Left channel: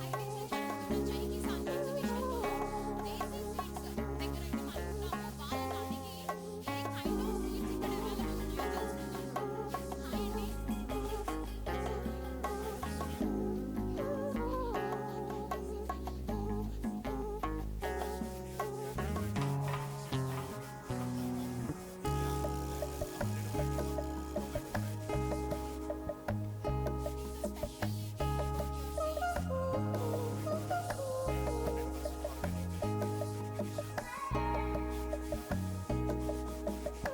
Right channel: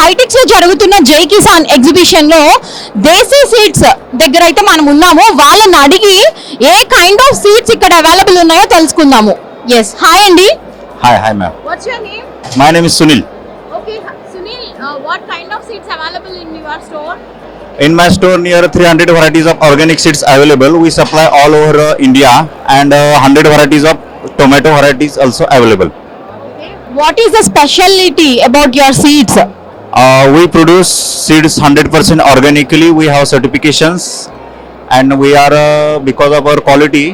హైటెక్స్ లో జరుగుతున్న జై కిసాన్ ఎగ్జిబిషన్ లో దేశీ సీడ్స్ దగ్గర అయితే మనం ఉన్నాము. వాళ్ళని అడిగి ఏ కైండ్ ఆఫ్ సీడ్స్ ఇక్కడ అవైలబుల్ ఉన్నాయో తెలుసుకుందాము. ఎస్, హాయ్ అండి. Hi ma'am. What's your name? My name is Sunil. Okay Sunil, what kind of seeds available in your store? In my store, near 300 varieties of organic seeds available. We supply all over India, and 100 varieties of tomato varieties also available. What is the specialty about your seeds? We produce seeds 100% organically. We have certifications, and we are because of our quality,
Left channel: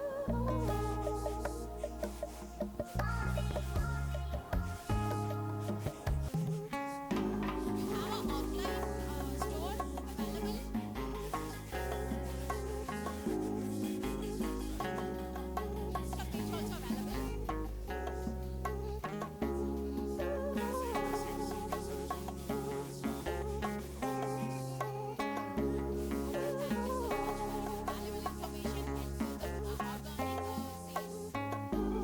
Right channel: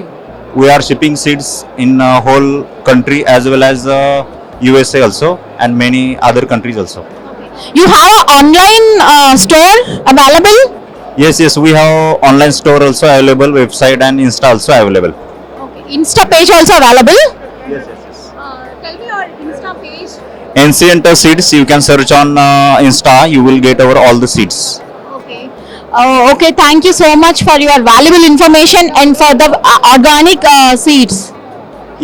we are shipping seeds in whole country as well as USA also, and many other countries also. You have an online store available? Yes, we have online store also available, website and Insta also available. Okay. Insta page also available? Yes. Tell me your Insta page. Ancient Seeds, you can search on Insta, you will get over all the seeds. Okay. Okay, thank you so much for your valuable information and for the organic seeds.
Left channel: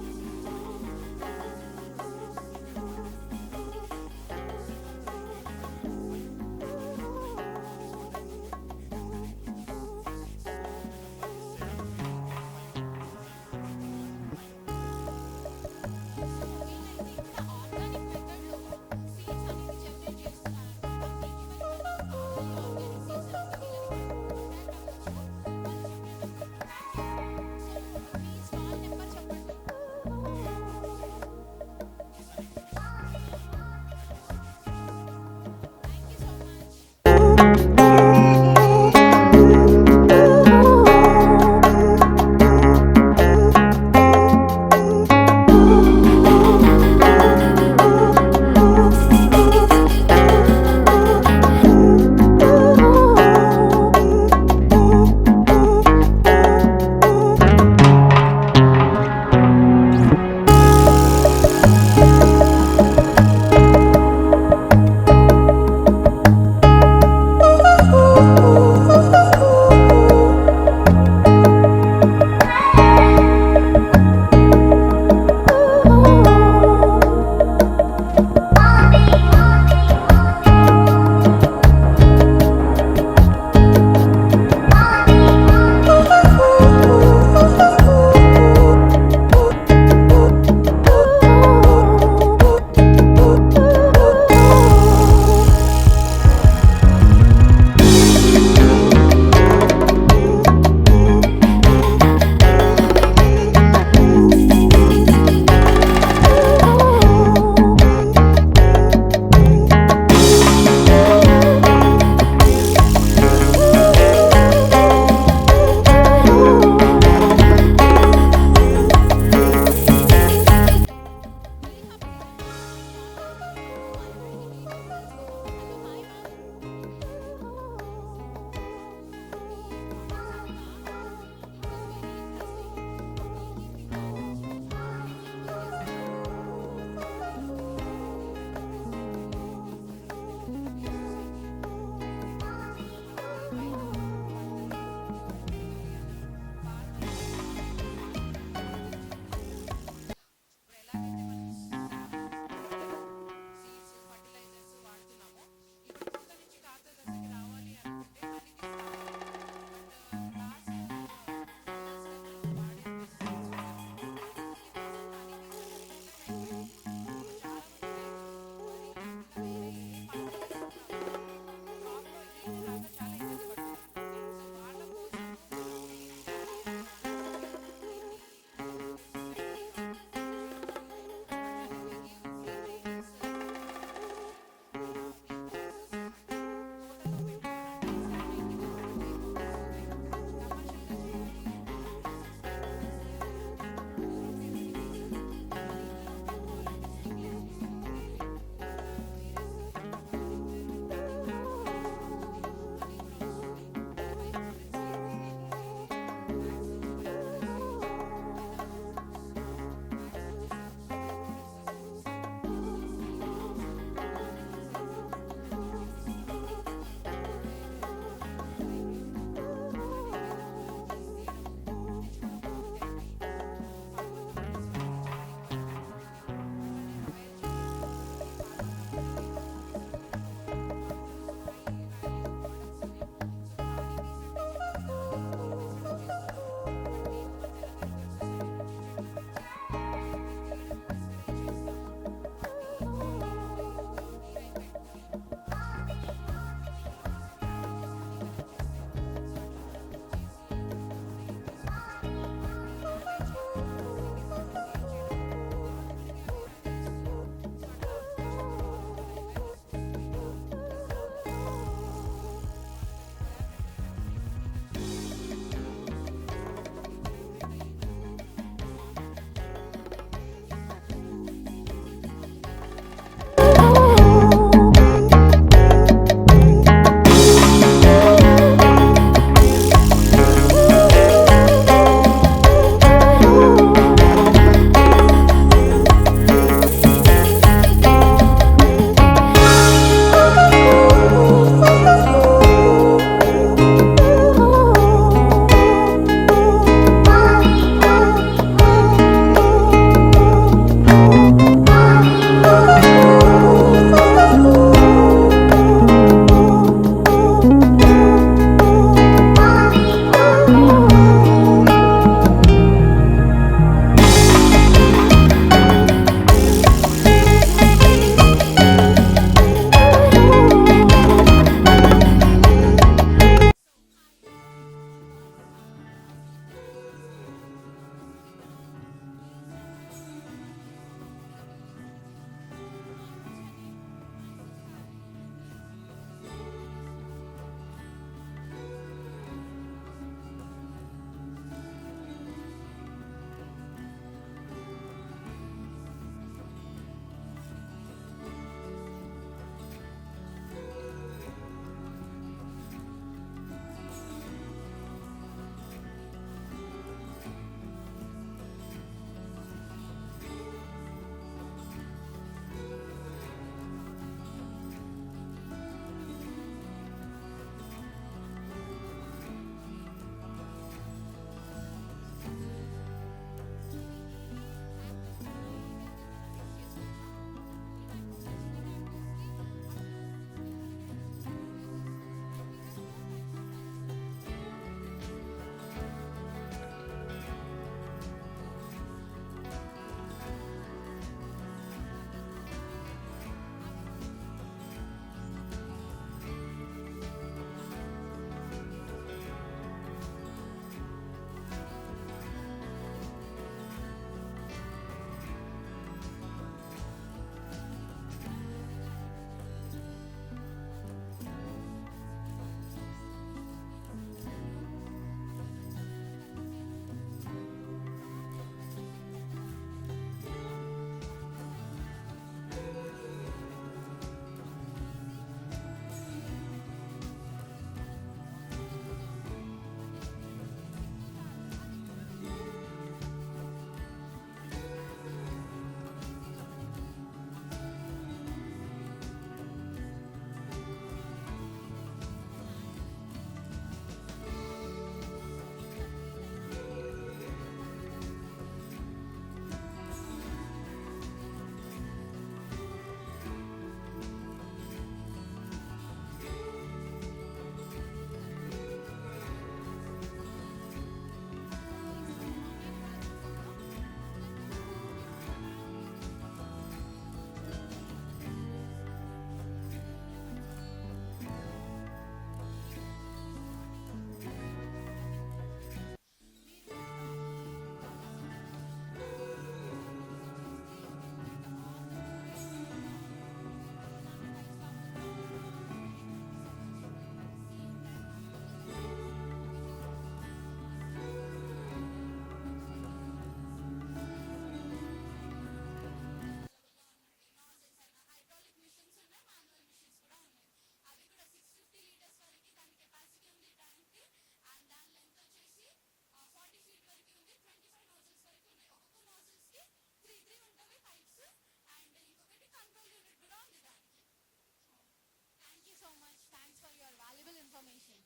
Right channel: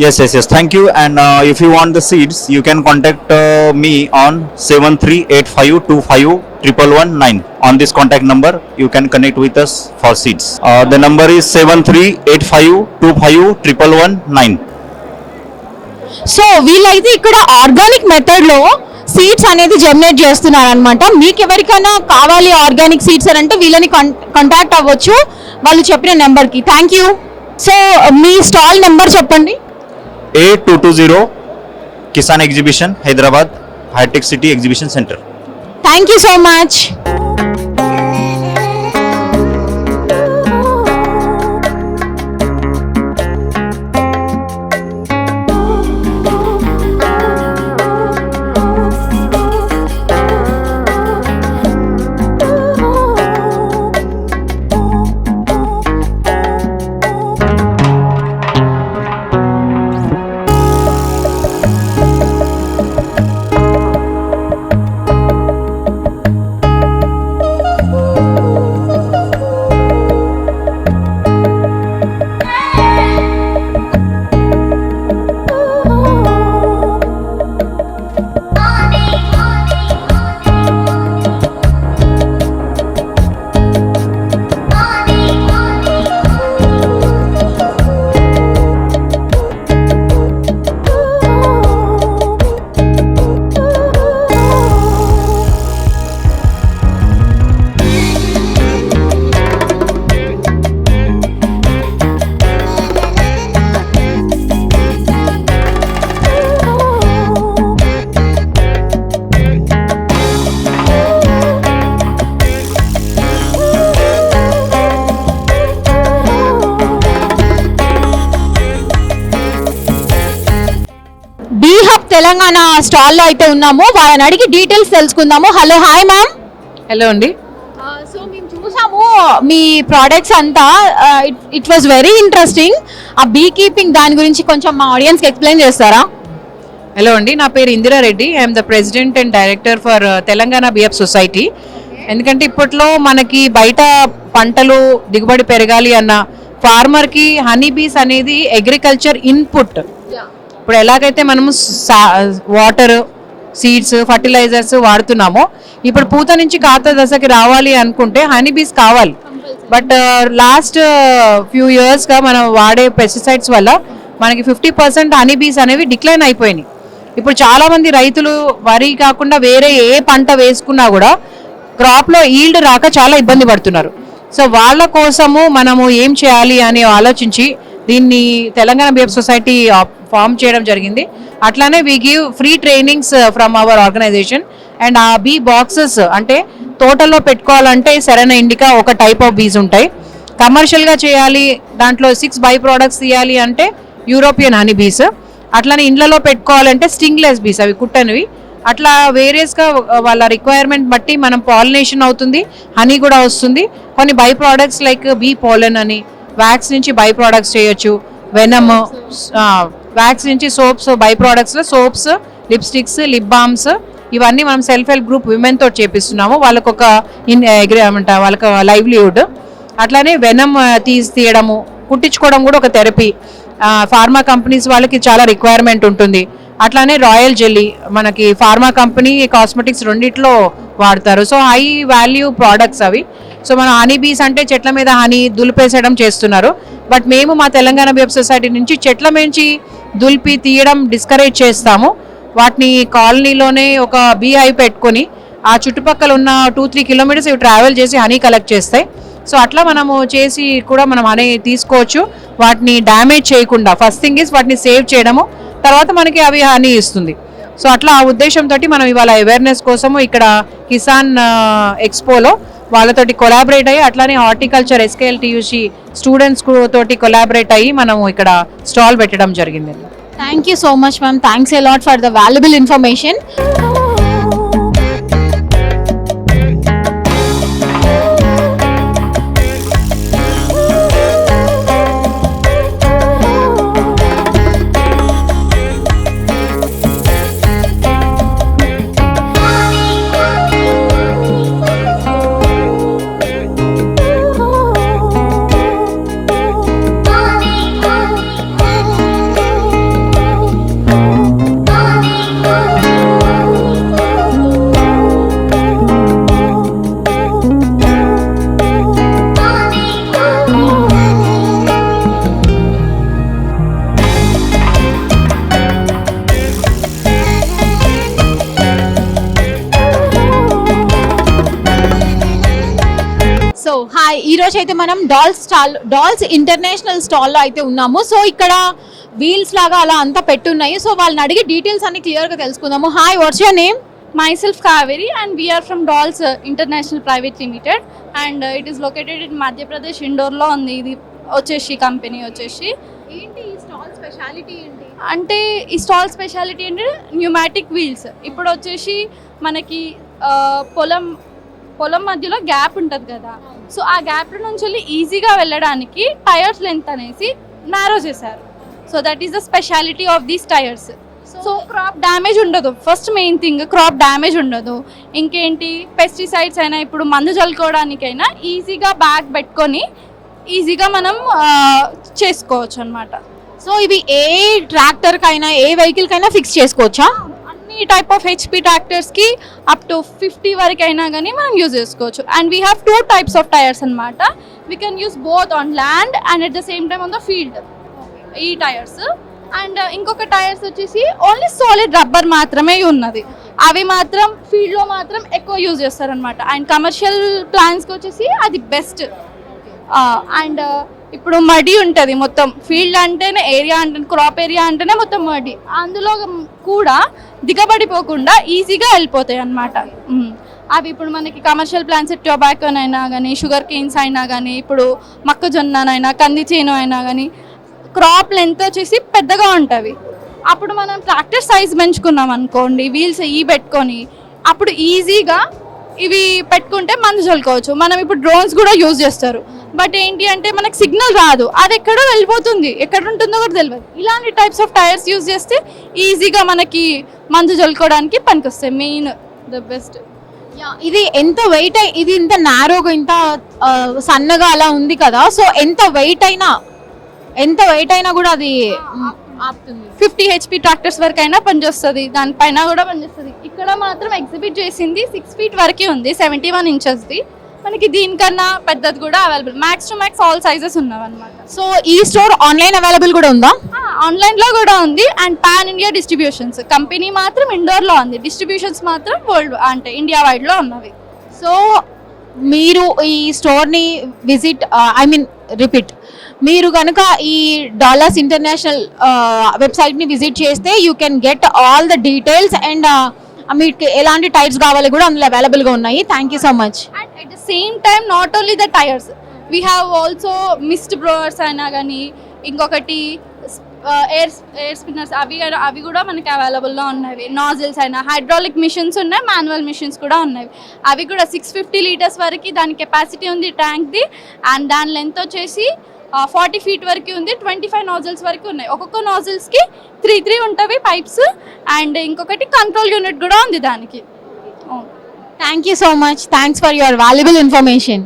Yes, thank you. And if you want the seeds, you can contact me on 7385251119. On this contact number, you can connect with us for seeds. The number is 7385251119. So వీళ్ళైతే ఇక్కడ organic method లో seeds అనేది germinate చేస్తున్నారు అనమాట. మీకు ఎవరికైనా కావాలి organic seeds అని అంటే వీళ్ళని కాంటాక్ట్ అవ్వచ్చు వాళ్ళు చెప్పిన నెంబర్కి. Thank you. సో మీ స్టాల్ నెంబర్ చెప్పండి. A220 Kisan Exhibition, Hyderabad, High-Tech City Exhibition Center. Thank you so much. Telangana స్టాల్లో అయితే ఉన్నాము. వాళ్ళని అడిగి డీటెయిల్స్ తెలుసుకుందాము. Hello, hi ma'am. హలో అండి. సో మేము చూసాము మీ ప్రోడక్ట్స్ అంతా. It was very interesting. ఆ బీ కీపింగ్ దాని గురించి కొంచెం మా ఆడియన్స్కి ఎక్స్ప్లెయిన్ చేస్తారా? హలో అండి, నా పేరు Indira Reddy. I'm the president and director for Telangana BF society. ఎందుకంటే ఇప్పట్లో మనకి బయట పంటలు దిగుబడి పెరగాలి అన్న ఫార్మర్కి హనీ బీస్ అనేది అగ్రికల్చర్ ఇన్పుట్. ఇప్పుడు ఎలాగైతే మనము వాటర్, సీడ్స్, ఫర్టిలైజర్స్ వాడుతున్నామో ఇప్పుడు పూత నుంచి కాత దశకి రావాలి అనుకుంటే హనీ బీస్ కావాలి. బట్ లాస్ట్ ఫ్యూ ఇయర్స్గా మనం వాడే పెస్టిసైడ్స్ వల్ల మనకి 50% హనీ బీస్ అనేవి డిక్లైన్ అయిపోయినాయి. ఇప్పుడు చాలామంది రైతులు వరి కాకుండా వేరే ఏ పంట వేసుకున్నా కూడా క్రాప్లో ఈల్డ్ రాక చాలా ఇబ్బంది పడుతున్నారు. సో వాళ్ళ కోసము మనము ఏం చేయాలి అని ఆలోచించి దీన్ని తెలంగాణ బీఎఫ్ సొసైటీ ఫామ్ చేయడం జరిగింది. అట్లానే we give free trainings from our organization. And ఆ బీ బాక్సెస్ అంటే తోటల్లో పెట్టుకోవాలంటే సెరెనా ఇండికా ఒక టైప్ ఆఫ్ బీస్ ఉంటాయి. కమర్షియల్గా చేయాలి, దాంట్లో 6 బై ప్రోడక్ట్స్ తీయాలి అంటే యూరోపియన్ హనీ బీస్. అట్లానే ఇండ్లలో పెట్టుకోవాలంటే స్టింగ్లెస్ బీస్, అవి కుట్టనివి. అట్లా వేరియస్గా వాళ్ళ రిక్వైర్మెంట్ బట్టి మనం పాలినేషన్ అవుతుంది, హనీ కూడా వస్తుంది. కొన్ని by products like bee pollen అని, వ్యాక్స్ నుంచి బై ప్రోడక్ట్స్ చేయొచ్చు, వెనమ్, వ్యాక్స్ నుంచి సోప్స్, బై ప్రోడక్ట్స్లో సోప్స్, లిప్స్టిక్స్, లిప్ బామ్స్, ఇవన్నీ మనం సెల్ఫ్ హెల్ప్ గ్రూప్ విమెన్ తోటి చేపిస్తున్నాము. వాళ్ళకు ఒక వాళ్ళకి లైవ్లీహుడ్. అట్లానే వెనమ్ తీయడము, కుట్టించుకోవడం కూడా ఒక థెరపీ. ఫార్మా కంపెనీస్ వాళ్ళకి చాలా రిక్వైర్మెంట్ ఉంటుంది. అట్లానే రాయల్ జెల్లీ మనకి ఫార్మా కంపెనీ కాస్మెటిక్స్ రెండిట్లో వాడతారు. సో హై వాల్యూ ప్రోడక్ట్స్ అవి. సో మన హనీ బీస్ అంటే చెట్ల మీద హనీ దులిపేసేయడం చేస్తున్నారు. బట్ మేము మా తెలంగాణ బిఎఫ్ సొసైటీ నుంచి చెట్ల నుంచి దులిపి తీయడం డిస్కరేజ్ చేస్తాము. వాటిని కాలనీలోనే ఒక బీ హైవ్ పెట్టుకొని ఆ చుట్టుపక్కల ఉన్న 2-3 కిలోమీటర్స్ ఇవి ట్రావెల్ చేసి హనీ కలెక్ట్ చేస్తాయి. సో అట్లా మనము చేసి కూడా మనం హనీ తీసుకోవచ్చు, వాటిని డ్యామేజ్ చేయకుండా. ఫస్ట్ థింగ్ ఇస్ వాటిని సేవ్ చేయడము, తర్వాత మనకి అవి హనీ ఇస్తుంది. సో అట్లా ఆ ఉద్దేశంతో మనం ఇవాళ అవేర్నెస్ కోసము ఇక్కడ కిసాన్ ఎక్స్పోలో వాళ్ళతోటి కొలాబరేట్ అయ్యి, అట్లానే హార్టికల్చర్ ఎస్కేఎల్టీయూసీ స్టూడెంట్స్ తోటి కొలాబరేట్ అయ్యి మనము ఇక్కడ స్టాల్ పెట్టడం జరిగింది. Thank you so much ma'am, thanks a lot for the valuable information. So hi, ఈరోజు అయితే మనం డాల్స్ ఇంటర్నేషనల్ స్టాల్లో అయితే ఉన్నాము. సో ఇక్కడ వీల్స్ లాగా అలా అంతా పెట్టున్నాయి. సో వాళ్ళని అడిగి డీటెయిల్స్ అన్ని క్లియర్గా తెలుసుకుందాము. Hi, what's your name? Myself Kaveri, and we are from Dolls International Private Limited, and it is located in Madhya Pradesh, Indore lo undi. ఇది వచ్చేసి కంపెనీ వచ్చేసి ఏంటి ఈ స్టాల్ స్పెషాలిటీ ఏంటి? అంటే ఈ స్టాల్ స్పెషాలిటీ అంటే న్యూమాటిక్ వీల్స్. ఇప్పుడు వచ్చేసి మనకి పొలం మధ్యలో గ్యాప్ ఉంటుంది కదా, సో ఆ గ్యాప్ నుంచి వెళ్ళి ఈజీగా వెళ్ళడానికి టైర్స్ లెంత్ అనేసి నారో చేశారు. So that is the speciality of these tyres. So crop damage ఉండదు, first main thing crop damage ఉండదు. ఇంకేంటి, పెస్టిసైడ్స్ అయినా ఇప్పుడు మందు చల్లుకోవడానికైనా ఈజీగా బ్యాగ్ పెట్టుకొని ఈజీగా మనం చేసుకోవచ్చు అనమాట. సో ఇవి ఏ ట్రాక్టర్కైనా ఏ వెహికల్కైనా ఫిక్స్ చేసుకోవచ్చా? అన్ని టైప్ ఆఫ్ హెచ్పి ట్రాక్టర్స్కి అప్ టు 50 వరకు అయినా కానీ మనం యూజ్ చేసుకోవచ్చు. And we have 2 types of tyres అనమాట. We can use both on land and at the same time on the field, ఈ టైర్స్. అండ్ ఇంకొక టైర్స్ వచ్చేసి ఓన్లీ సాలిడ్ రబ్బర్ మాత్రమే ఉన్నది, అవి మాత్రం ఫీల్డ్లో మాత్రం ఎక్కువ యూజ్ చేస్తారనమాట. అండ్ కమర్షియల్ ప్లాన్స్కి వచ్చేసి అది బెస్ట్. అండ్ ఇప్పుడు మడి ఉంటుంది మొత్తం, ఫీల్డ్ అంటేనే ఏరియా అంటే క్రాప్ ఏరియా అంటేనే మొత్తం మడి, అందులో కూడా దిగబడిపోకుండా ఈజీగా వెళ్ళిపోతాయి అన్నమాట. అవి ఇప్పుడు మనకి కమర్షియల్ ప్లాంట్స్ టొబాకోనైనా కానీ, షుగర్ కేన్స్ అయినా కానీ, ఇప్పుడు మొక్కజొన్ననైనా, కంది చేను అయినా కానీ క్రాప్ లెంత్ వచ్చేసి పెద్దగా ఉంటుంది. అప్పుడు మనం ట్రాక్టర్ సైజ్ పెంచుకున్నాం అనుకోండి, వీల్స్ పెట్టుకొని అప్పుడు ఈజీగా ఇవి పెట్టుకుంటే మందు చల్లుకోవచ్చు. మనం ఇప్పుడు డ్రోన్స్ కూడా యూజ్ చేస్తారు, బట్ ఏంటి అంటే మనకు సిగ్నల్ రాదు, అది ఎక్కడో వెళ్ళిపోతుంది, ఎక్కడ ఉంటుందో కూడా తెలియదు. ఇలాంటి టైప్స్ ఆఫ్ టైర్స్ యూజ్ చేస్తే ఈజీగా మనకి మందు చల్లుకోవడానికి పనికొస్తాయి. Main the best. ఇది ఎంత వెయిట్, ఇది ఇంత నారోగా ఇంత సన్నగా అలా ఉంది కదా, సో ఎంత వెయిట్ అయినా కూడా అది ఆపుతుంది. 50 HP ట్రాక్టర్స్ వరకు అయినా పనిచేస్తుంది, దానిపైన కూడా పనిచేస్తుంది. ఇక్కడ మాత్రం ఎగ్జిబిట్ చేసింది 6 feet వరకే ఉంది, 71 inchesది. మనకి దీనికన్నా పెద్దది కూడా available, max to max all sizes ఉన్నవి అనమాట. సో ఈ స్టోర్ ఆన్లైన్ అవైలబుల్ కూడా ఉందా? ఆన్లైన్లో కూడా ఉంది. And pan India distributions, company మాత్రం ఇండోర్లో ఉంది, డిస్ట్రిబ్యూషన్స్ మాత్రం వరల్డ్ అంటే ఇండియా వైడ్లో ఉన్నవి. సో మీరు ఈ స్టోర్ని రిపీట్ మీరు కనుక ఈ డాలర్స్ ఇంటర్నేషనల్ వెబ్సైట్ని విజిట్ చేస్తే you can get all the details and మీకు ఎలాంటి టైర్స్ కావాలి కూడా అందులో అవైలబుల్గా ఉన్నాయి. Thank you so much. And at the same time not only the tyres, we have also mist blowers అయినా కానీ, ఇంకొకటి ఎయిర్ స్పిన్నర్స్, అవి కూడా మనకి అవైలబుల్లో ఉన్నవి. నాజిల్స్ అయినా, హైడ్రాలిక్ మిషన్స్ ఉన్నాయి, మాన్యువల్ మిషన్స్ కూడా ఉన్నవి. అవి కూడా 650 liters వరకు దాని కెపాసిటీ ఉంది ట్యాంక్ది. అండ్ దాని లెంత్ వచ్చేసి 40 feet వరకు ఉంది, 25 nozzles వరకు ఉన్నాయి. ఒక్కొక్క నాజిల్స్కి 3 ఉంటవి పైప్స్. అండ్ ఇంకొకటి కంట్రోల్ యూనిట్ కూడా ఉంది దానికి. Thank you so much, thanks for your valuable information.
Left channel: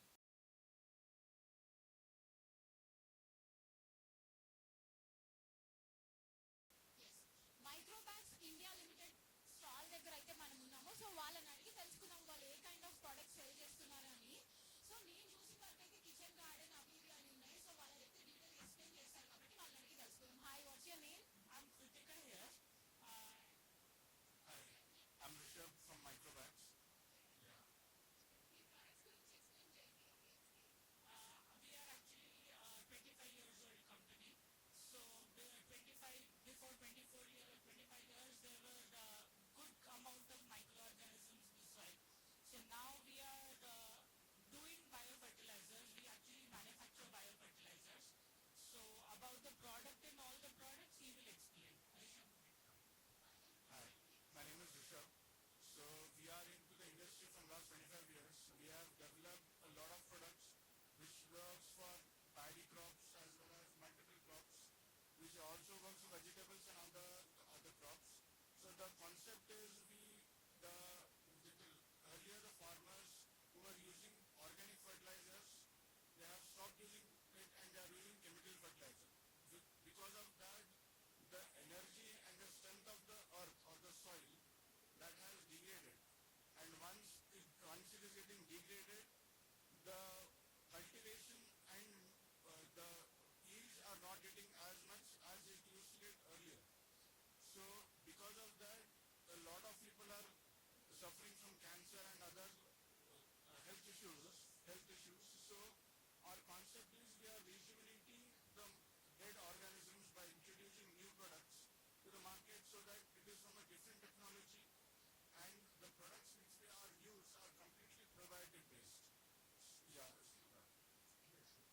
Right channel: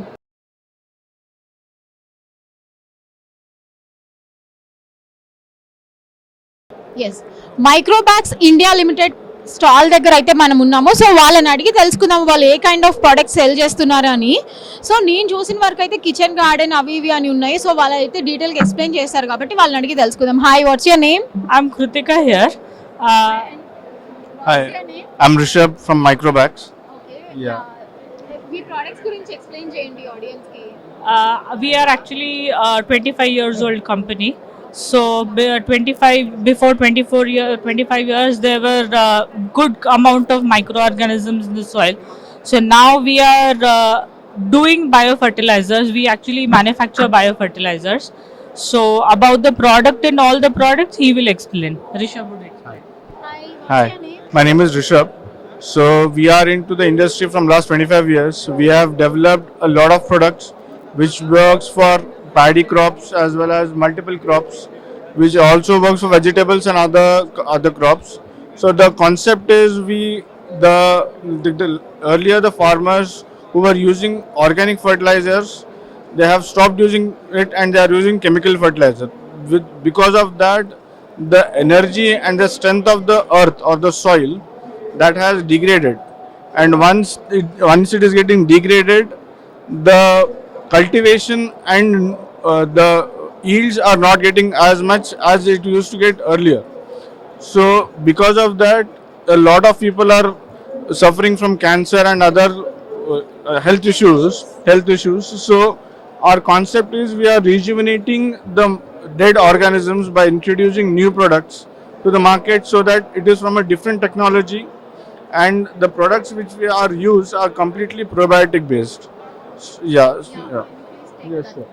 ఎస్ మైక్రోబ్యాక్స్ ఇండియా లిమిటెడ్ స్టాల్ దగ్గర అయితే మనం ఉన్నాము. సో వాళ్ళని అడిగి తెలుసుకుందాము వాళ్ళు ఏ కైండ్ ఆఫ్ ప్రొడక్ట్స్ సెల్ చేస్తున్నారు అని. సో నేను చూసిన వరకు అయితే కిచెన్ గార్డెన్ అవి ఇవి అని ఉన్నాయి. సో వాళ్ళు అయితే డీటెయిల్గా ఎక్స్ప్లెయిన్ చేస్తారు కాబట్టి వాళ్ళని అడిగి తెలుసుకుందాం. Hi, what's your name? I'm Kritika here. Hi, I'm Rishabh from Microbax. Yeah. Me products గురించి ఎక్స్ప్లెయిన్ చేయండి ఆడియన్స్ కి. We are actually a 25 years old company. So 25 years there were good amount of microorganisms in the soil. So now we are doing biofertilizers. We actually manufacture biofertilizers. So about the product and all the products he will explain. Rishabh would explain. Hi, Hi, my name is Rishabh. So we are into the industry from last 25 years. We have developed a lot of products which works for paddy crops as well as multiple crops, which also works for vegetables and other crops. So the concept is the earlier the farmers who were using organic fertilizers, they have stopped using it and they are using chemical fertilizer. Because of that, the energy and the strength of the earth or the soil that has degraded, and once it is getting degraded, the cultivation and the yields are not getting as much as it used to get earlier. So because of that, a lot of people are suffering from cancer and other health issues. So our concept is we are rejuvenating the dead organisms by introducing new products to the market so that it is from a different technology, and the products which we are used are completely probiotic based. Yeah. Yes, sure.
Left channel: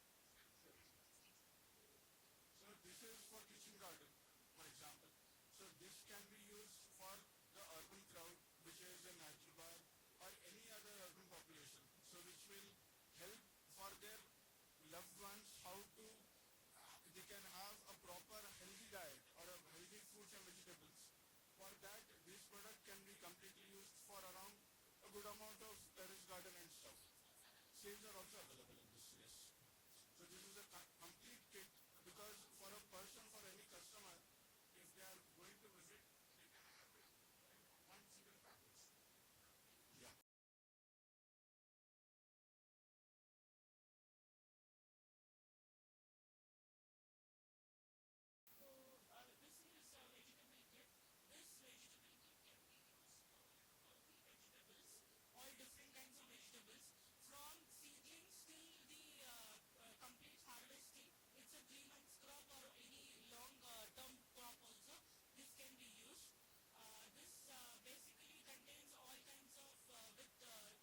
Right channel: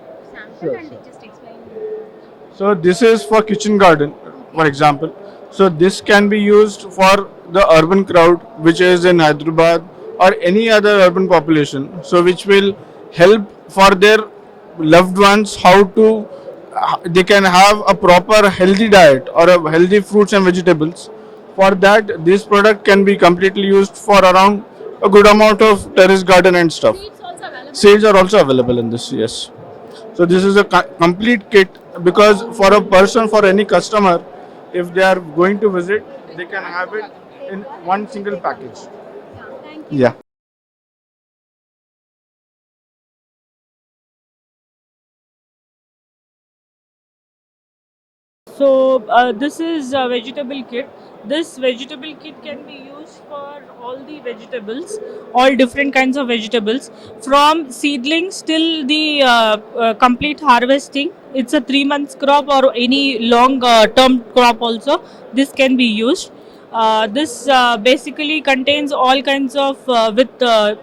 So this is for kitchen garden, for example. So this can be used for the urban crowd which is in Hyderabad or any other urban population. So which will help for their loved ones how to they can have a proper healthy diet or a healthy fruits and vegetables. For that, this product can be completely used for around a good amount of terrace garden and stuff. Seeds are also available in this, yes. So this is a complete kit, because for a person, for any customer, if they are going to visit, they can have it in one single package. Yeah. So this is a vegetable kit. This vegetable kit can be used for all the vegetables, all different kinds of vegetables, from seedlings till the complete harvesting. It's a 3 months crop or any long term crop also. This can be used. This basically contains all kinds of with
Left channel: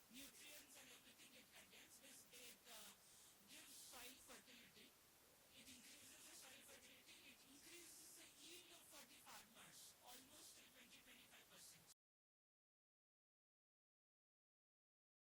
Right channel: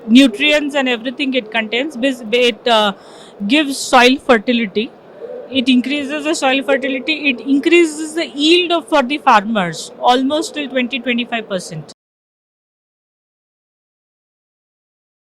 nutrients and everything it contains. It gives soil fertility. It increases the soil fertility. It increases the yield for the farmers almost till 20-25%.